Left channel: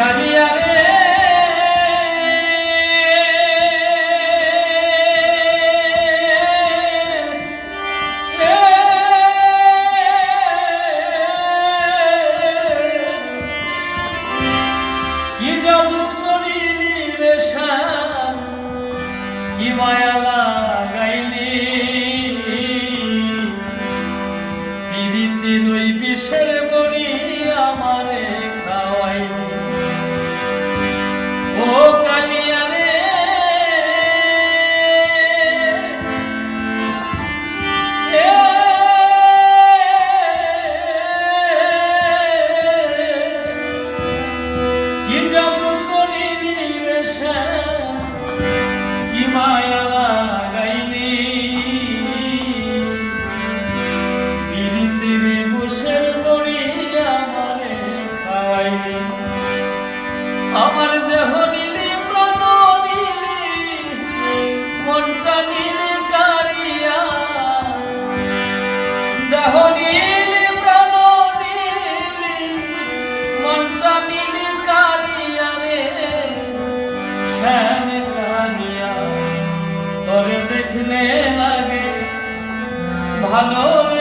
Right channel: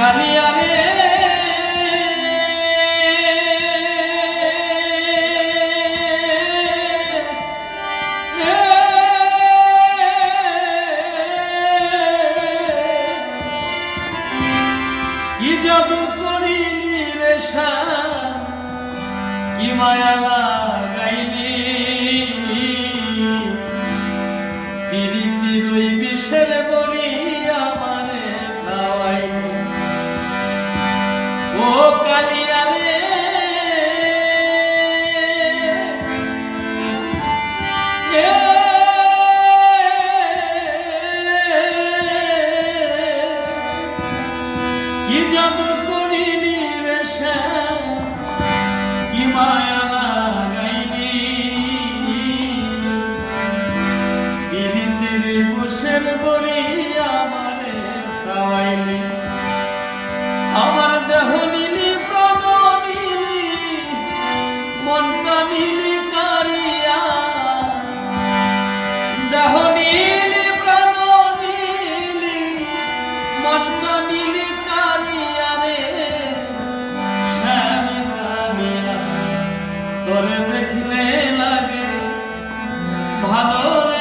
কালিয়া রে কি জাদু করিলি রে শাহ, কি মায়া লাগাইলি প্রীতির ওই বিষের বড়ি আমারে খাওয়াইলি। ও কালিয়া রে কি জাদু করিলি রে শ্যাম, কি মায়া লাগাইলি প্রীতির বুসের বড়ি আমারে খাওয়াইলি। আমার দেহ নিলি প্রাণ নিলি মনটা নিলি কারিয়া, দেহ নিলি প্রাণ নিলি মনটা নিলি কারিয়া রে শ্যাম কালিয়া। তোরে দেখলে লাগে ভালো রে